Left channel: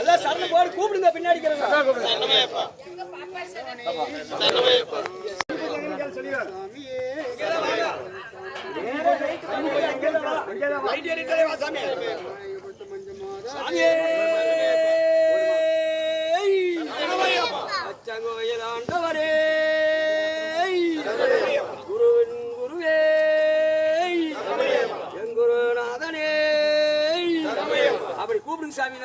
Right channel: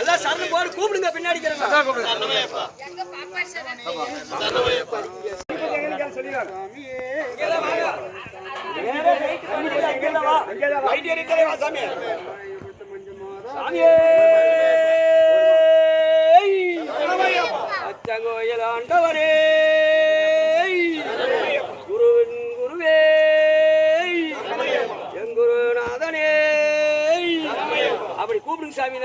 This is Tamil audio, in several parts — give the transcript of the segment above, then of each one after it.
எல்லாம் சரணம் போடு கூப்பிடுங்க பின்னாடி அச்சங்கோயில் ஆண்டவரே குருவின் குருவே எங்குருநாதனே அப்படி கூப்பிடுங்க சாமி.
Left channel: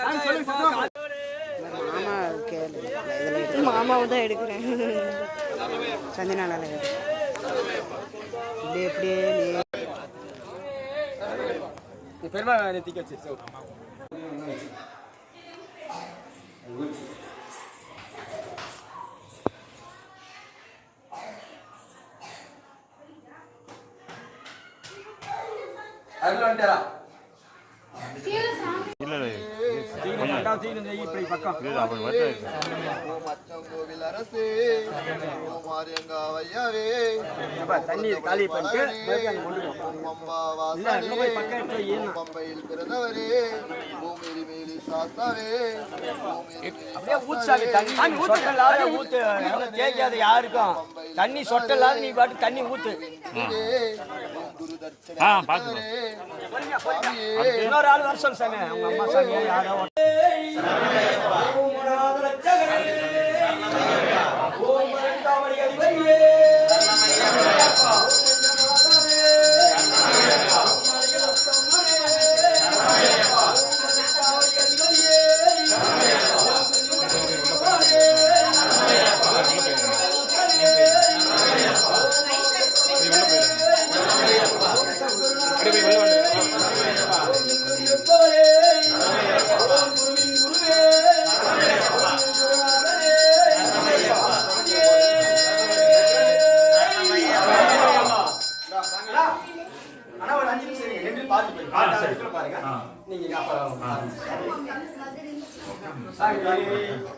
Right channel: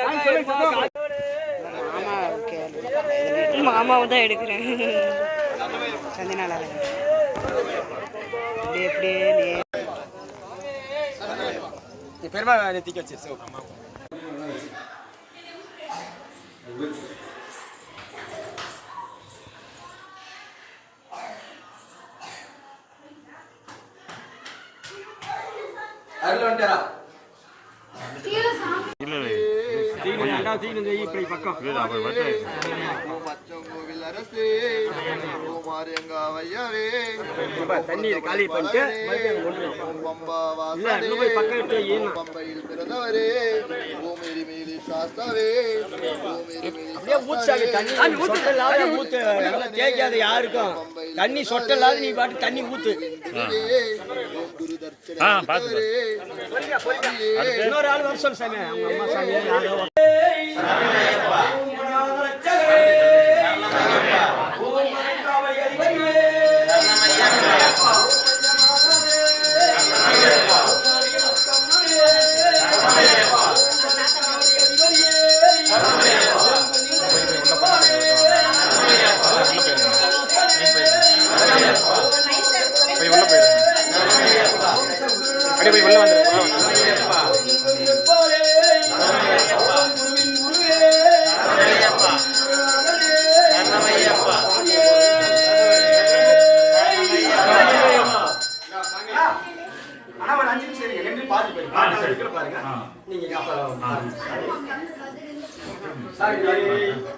மாமாவும் தான் எடுக்கிறேன். சந்தினால பெருமா நெத்திக்க வச்சு அதுல வந்துட்டாரா தண்ணீர் காலி பண்ணிட்டு யாருக்கும் தண்ணி சொட்டலாத நீ பாட்டு தண்ணி ஊத்து. இன்னொரு ஆள் வருஷம் சாமி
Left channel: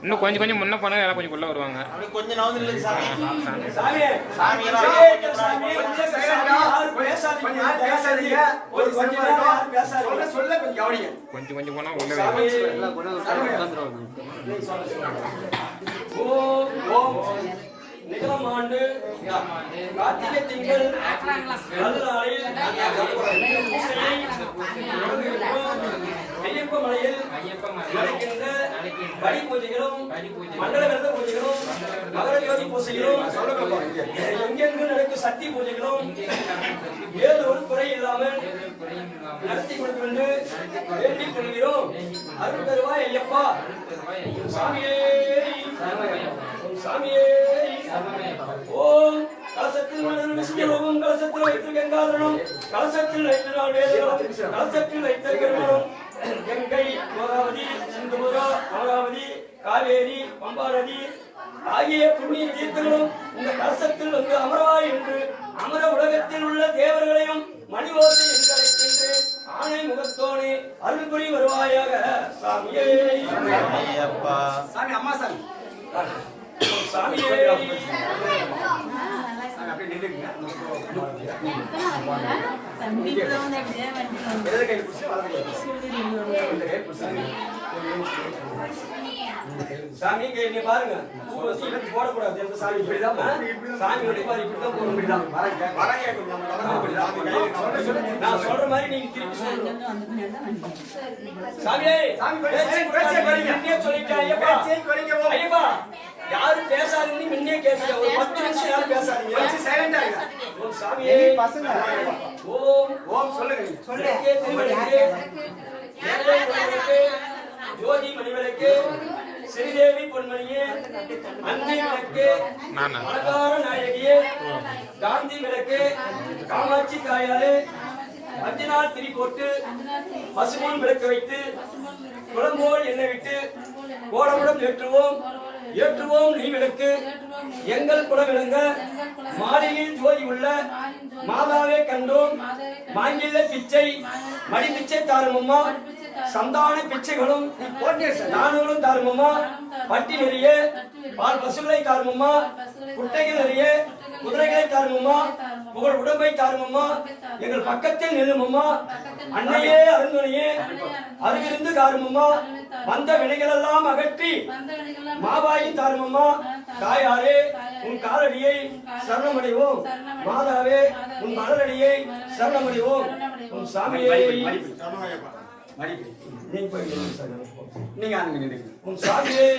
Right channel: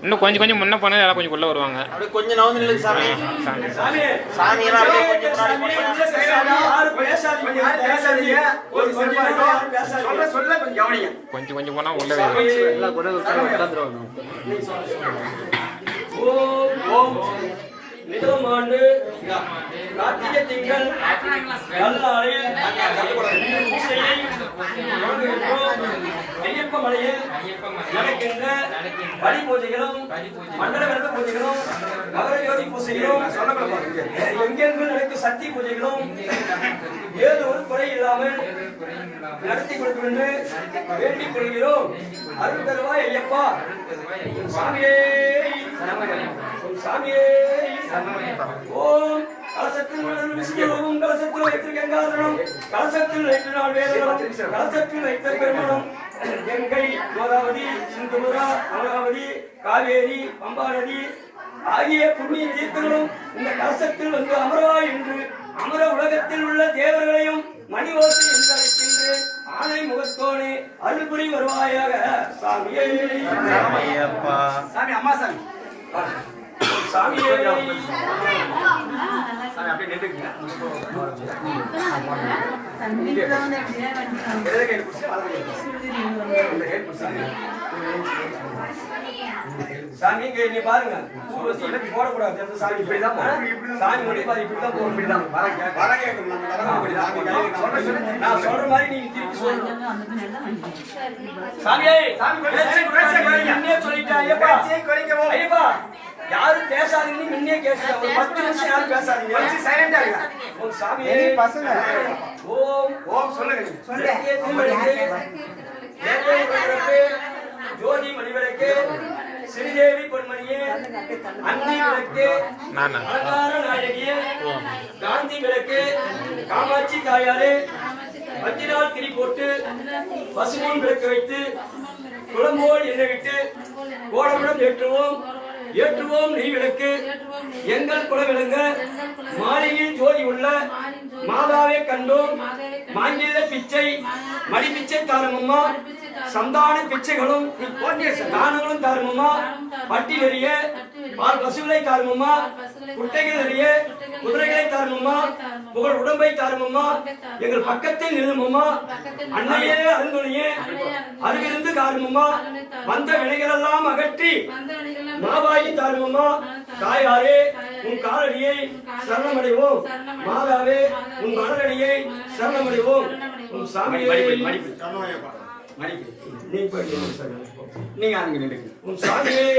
இன்னும் கொஞ்சம் கொஞ்சம் முன்ன போனா எல்லாம் கொஞ்சம் உள்ள வருவாங்க. கொஞ்சம் நவந்து சாமி கொஞ்சம் கொஞ்சம் போனா உள்ள நிலம் ஆண்டு கார்த்திகை திங்கள் நல்லாளில் ஐயப்ப மலையில் நடக்கின்ற பலி பூஜைகளும் மண்டல விரத பூஜைகளும் மகர ஜோதி பூஜைகளும் எங்கெங்கு நடக்கும் சக்தி பூஜைகளும் ஏதோ ஒரு குறை இல்லாமல் நடத்தி கொடுக்கும் என்று வேண்டிக் கொள்கிறோம். அருள் தருவாய் ஐயப்பா. சாமியே சாமியே ஓம் கலசத்தில் விஷ்ணுவும் கலசத்தில் வைத்து கங்காதரம் கலசத்தில் வைத்து நாள் வேதங்களும் கலசத்தில் வைத்த பெருமனும் கங்கை கோதாவதி சிந்துபுரா அமராவதி காவேரி பம்பாநதி ஆகிய புண்ணிய தீர்த்தங்களும் இந்த கலசத்தில் வந்து அமரவாய் என்று அமர உலகத்தில் உள்ள தேவர்களையும் மணிவோசை என்று அழைக்கின்றேன். ஆணை முகத்தோனே அருள்புரி வருவாயாக. சாமியே சாமி அம்மா சாமி சாமியே அப்படியே நின்றுங்க. சாமி நீ பாருங்க போடக்கூடாது. சாமி இப்படிதான் சாமி இப்படிதான் நான் சொல்ற மாதிரி நீங்க திருப்பி சொல்லணும். சாமியே சொல்லிட்டேன் ஐயப்பா யாரும் பேசாதீங்க. முன்னே கேட்க ஒரு 10 நிமிஷம் யாரும் பேசாதீங்க. சைலண்டா இருங்க. ஓம் சாமியே பசங்க ஓம் ஓம் சொல்லுங்க. ஜோதி மணிவிளக்கு ஸ்ரீதேவி பொன்மணியே அன்னை விளக்கு அலங்கார நாயகியே காந்தி விளக்கு காமாட்சி தாயாரே 5 நாள் திரி போட்டு பசுமன் விளக்கு வைத்து குளம்போல் எண்ணெய் விட்டு கோடமுடன் ஏற்றுவோம் நெய் விளக்கு எங்கள் குலவிளங்க மாலையில் ஜோதி உள்ள மாதாவே கண்டோம் மாங்கில பிச்சை மடி பிச்சை தாரமம்மா சந்தான பிச்சைகளும் தானங்களும் தாருமம்மா. பட்டி நிறைய பால் பசுகளை தாருமம்மா. குட்டைகள் நிறைய குதிரைகளை தாருமம்மா. புகழ் உடம்பை தாருமம்மா. எங்கள் பக்கத்தில் நில்லுமம்மா. அன்னையே அருள்மொழியே அருகிருந்து தாருமம்மா. வந்த வினைகளெல்லாம் அகற்றி மாவாயி தாருமம்மா. தாயாரே உன் காலடியை சரணமடைவோம். மாதாவே உன் மலரடியை சரணமடைவோம். உன் சாமியை உன் சாமியை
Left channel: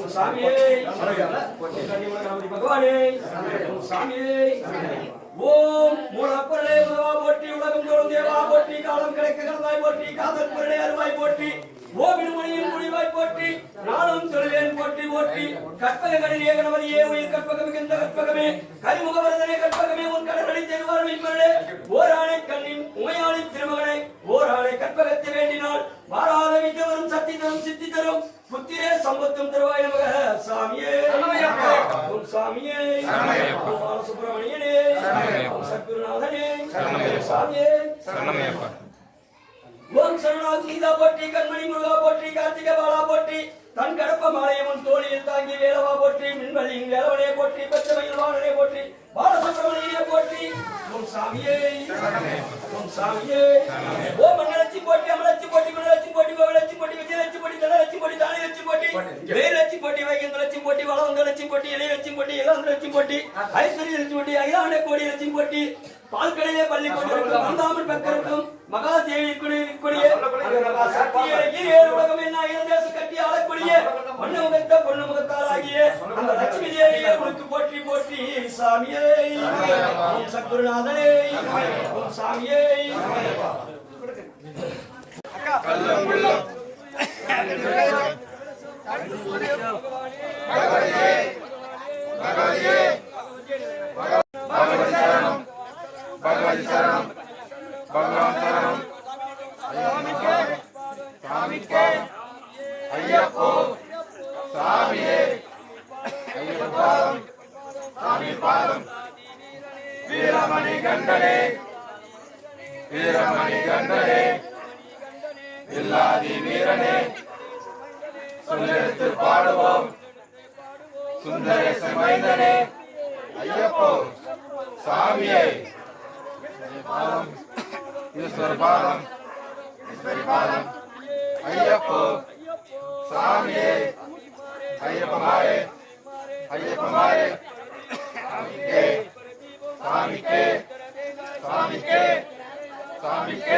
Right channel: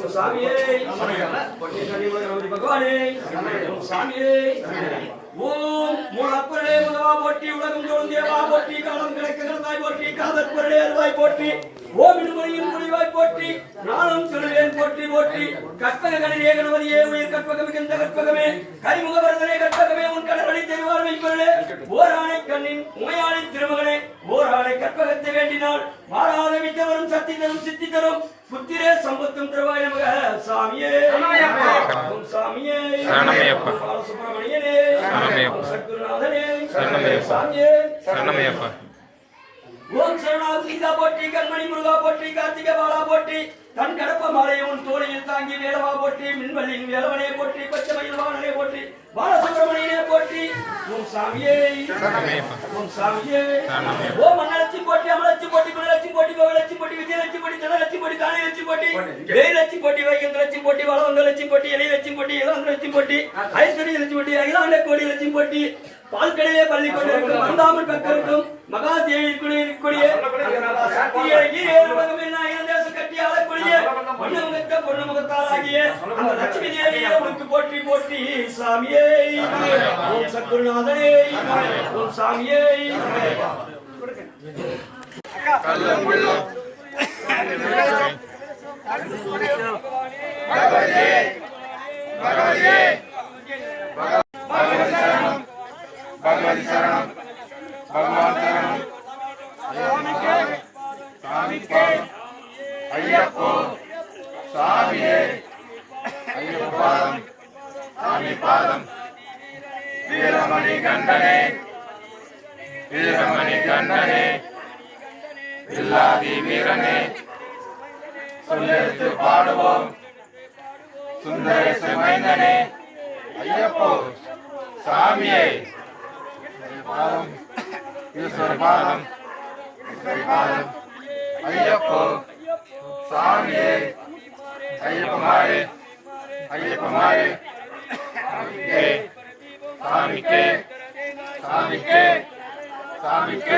உன் சாமியை பகவானே உன் சாமியை ஓம் மூலப்பொருளே உதவா போற்றி உலகம் தோறும் தேவா போற்றி காலம் கணக்கு கடந்தாய் போற்றி காதல் பொருளே அருவாய் போற்றி ஓமின் மொழியின் முடிவாய் போற்றி நானும் சொல்வேன் போற்றி போற்றி கற்பகங்களில் ஏகனவதியே உயிர் கற்பகம் மிகுந்த கற்பகமே கரிமுக வரதனை கற்பகமே உன் கடலடி தெருவாழ்வை பொருளே ஓராணை கண்ணின் உமையாளை திருமகனே ஓராணை கற்பகத்தை வேண்டினால் வாராத வித்தவரும் சக்தி தரும் சித்தி தரும் புத்திரே சம்பத்தும் தருவாய் நமக. சாமியே ஓம் சாமியே சுப்பிரமணியனே சத்குருநாதனே சாமியே ஓம் சரணாக சீதா போற்றி கண்மணி முருகா போற்றி கார்த்திகை பாலா போற்றி தன் கடப்ப மாலையும் தோழியில் தாங்கி வேலவா போற்றி மின்வெளியின் வேலவனே போற்றி பச்சைமயில் வாணனே போற்றி பாலசுப்பிரமணியனே போற்றி ஓம் சாமியே ஓம் சாமியே ஓம் மண்ணலட்சி போற்றி அமலட்சி போற்றி குணலட்சி போற்றி கோவிலட்சி போற்றி விஜயலட்சி போற்றி தனலட்சி போற்றி தானியலட்சி போற்றி வேலட்சி போற்றி வைகந்தலட்சி போற்றி வளவந்தலட்சி போற்றி எலிலட்சி போற்றி இளவந்தலட்சி போற்றி ஐஸ்வர்யலட்சி போற்றி அகிலாண்ட கோடி லட்சி போற்றி பால்கடையிலே பள்ளி கொண்டிருக்கும் மந்தாமல் பக்கருக்கும் மகாதேவி கொடிய சக்தியே உலகமே நான் தேச கட்டி ஆளக்கூடிய பொன்னுமுகத்த பொன்னுமுகத்தாலாகிய அந்த லட்சுமி தேவியை உனக்கு போற்றி போற்றி. சாமியே ஓம் சத்குருநாதனே ஓம் சாமியே भगवती शरण भगवान शरण स्वामी के अय्यप्पो स्वामिये अय्यप्पादम स्वामी पादम वीरमणि गंडने इल्लादि वीरने सुंदर पाड़वोम सुंदर समयने अय्यप्पो स्वामिये पादम ईश्वर पादम अय्यप्पो स्वामिये अय्यप्पमारे स्वामी के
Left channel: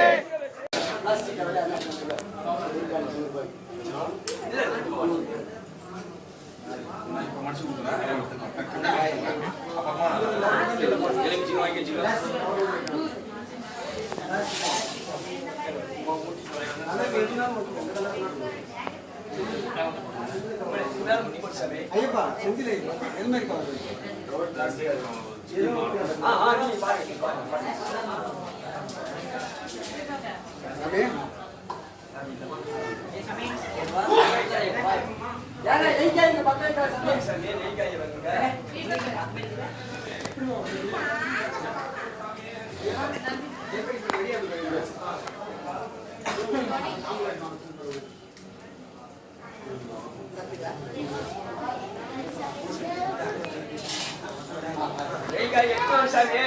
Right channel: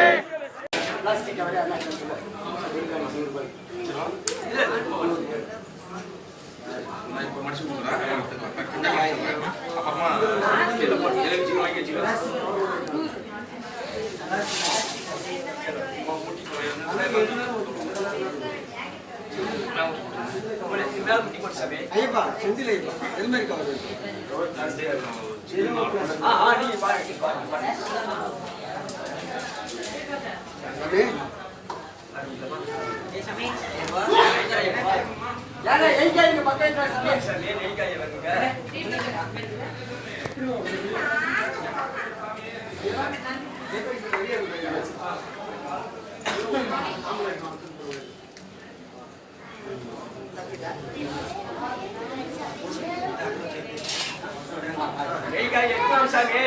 ஐயப்பா செந்தில் ஐயப்பா எது மாதிரி கவர் நீங்க பாருங்க சாமி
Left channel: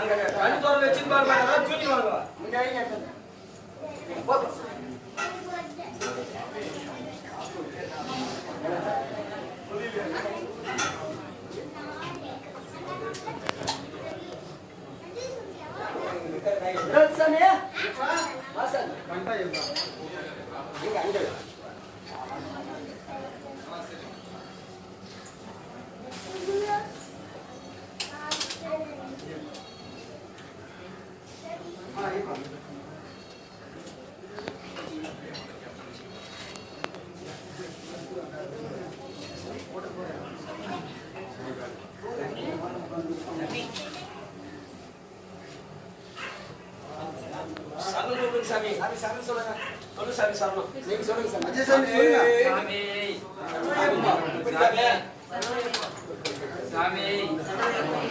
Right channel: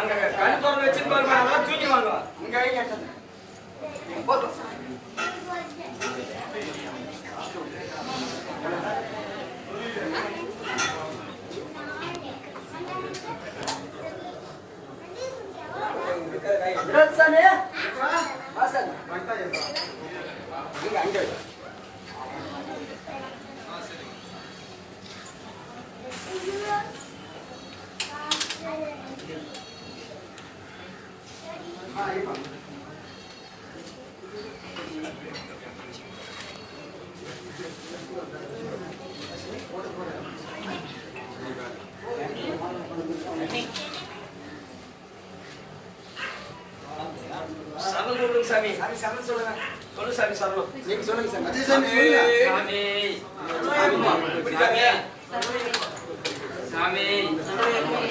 அந்த கண் திறந்து வச்சிருப்பாரு அதெல்லாம் தூக்கி வாங்க இங்க போதும். சாமி சரணம் சொல்லுங்க. சொல்லு சாமி சரணம். நீங்க சொல்லுங்க சாமி. அஜய் சாமி சாமி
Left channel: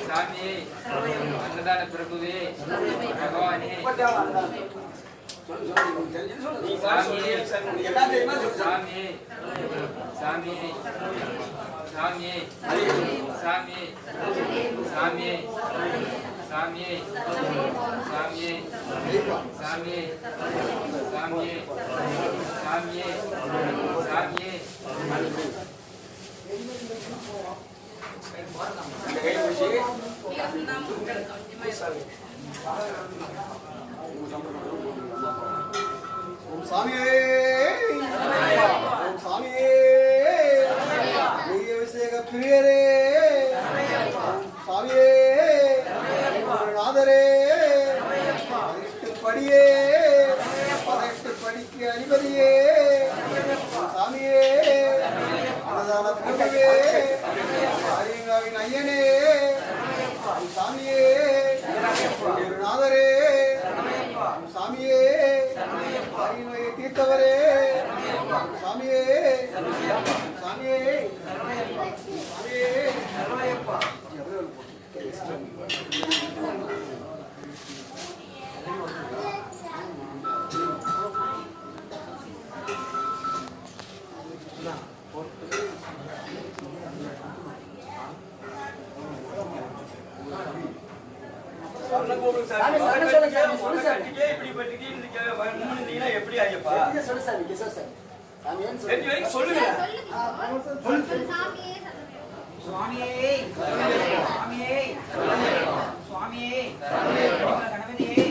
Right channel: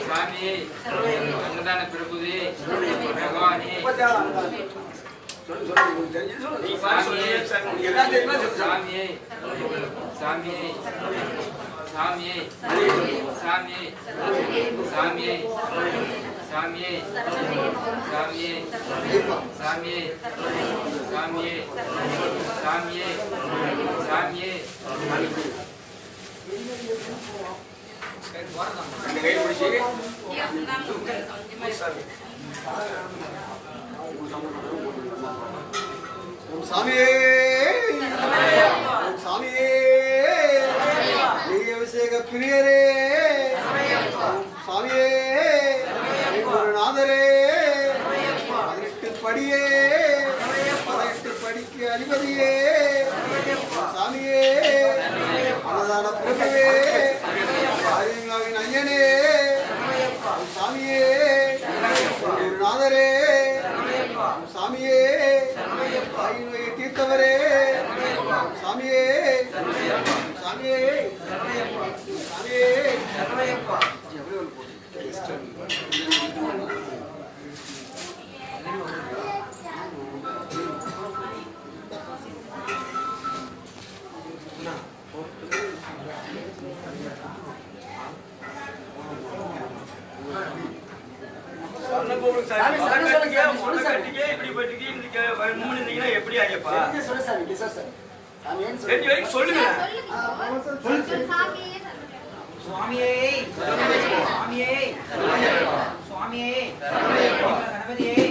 சாமி சாமி அன்னதான பிரபுவே பகவானே சொல்லு சொல்லு உங்களுக்கு தெரிஞ்சது சொல்லு நீ பாரு சொல்லு சாமி உங்களுக்கு எல்லாம் தெரியுமா சொல்லு சாமியே சாமியே சாமியே சாமியே சாமியே சாமியே சாமியே சாமியே சாமியே சாமியே சாமியே இந்த கை பிடிச்சி ஓம் சாமியே ஓம் சாமியே நெய் அபிஷேக பிரியரே ஓம் சாமியே குருநாதரே 18 படியே 18 படிக்கு அதிபதியே சாமியே அன்னதான பிரபுவே ஆரியங்காவின் ஐயனே சாமியே குருநாதரே சாமியே தாய் நோயை தீர்த்தவரே சாமியே சாமியே சாமியே எப்படி ஐயப்பா சொல்லு சாமி கிஷோர் சார் சாமி ஏன் ரெண்டு வரைக்கும் சொல்லுங்க சுவாமியே சுவாமியே சுவாமியே கணபதியே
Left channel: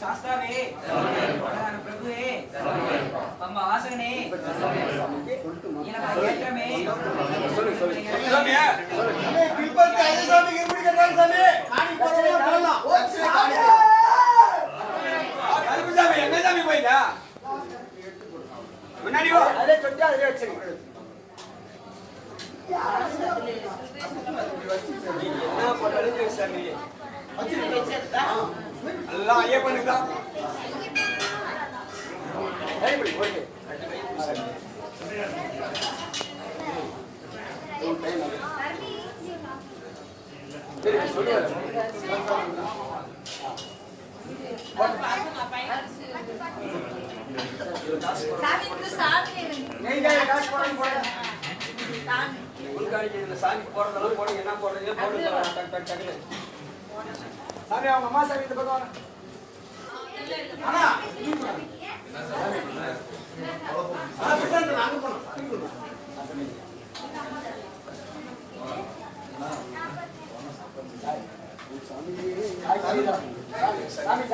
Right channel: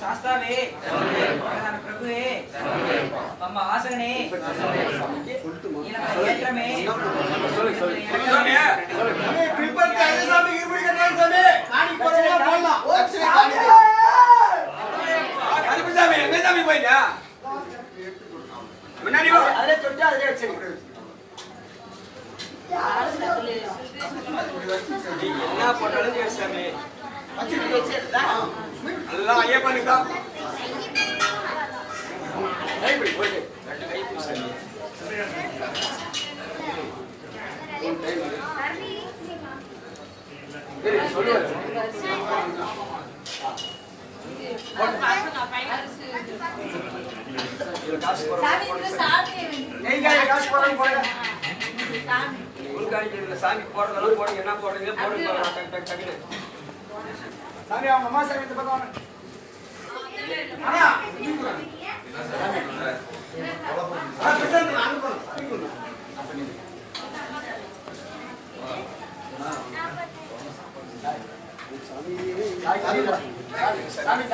சாஸ்தாவே பிரபுவே அம்மா ஆசகனே ஏற்றமே கருப்புசாமி எங்க சாமி போயிட்டா முன்னாடி வா அதிலே தொட்டு அதிலே வச்சு நீ என்ன பண்ணாலும் சரி சாமி எல்லாம் ஐயப்பனுக்கு தான் கைப்பிடி போயிட்டு சாமி சொல்லுவாரு சாமி போடுறதெல்லாம் போடுங்க என்ன போடுறீங்க போடுங்க சாமி அவங்க அம்மா சாமி இந்த பக்கம் சாமி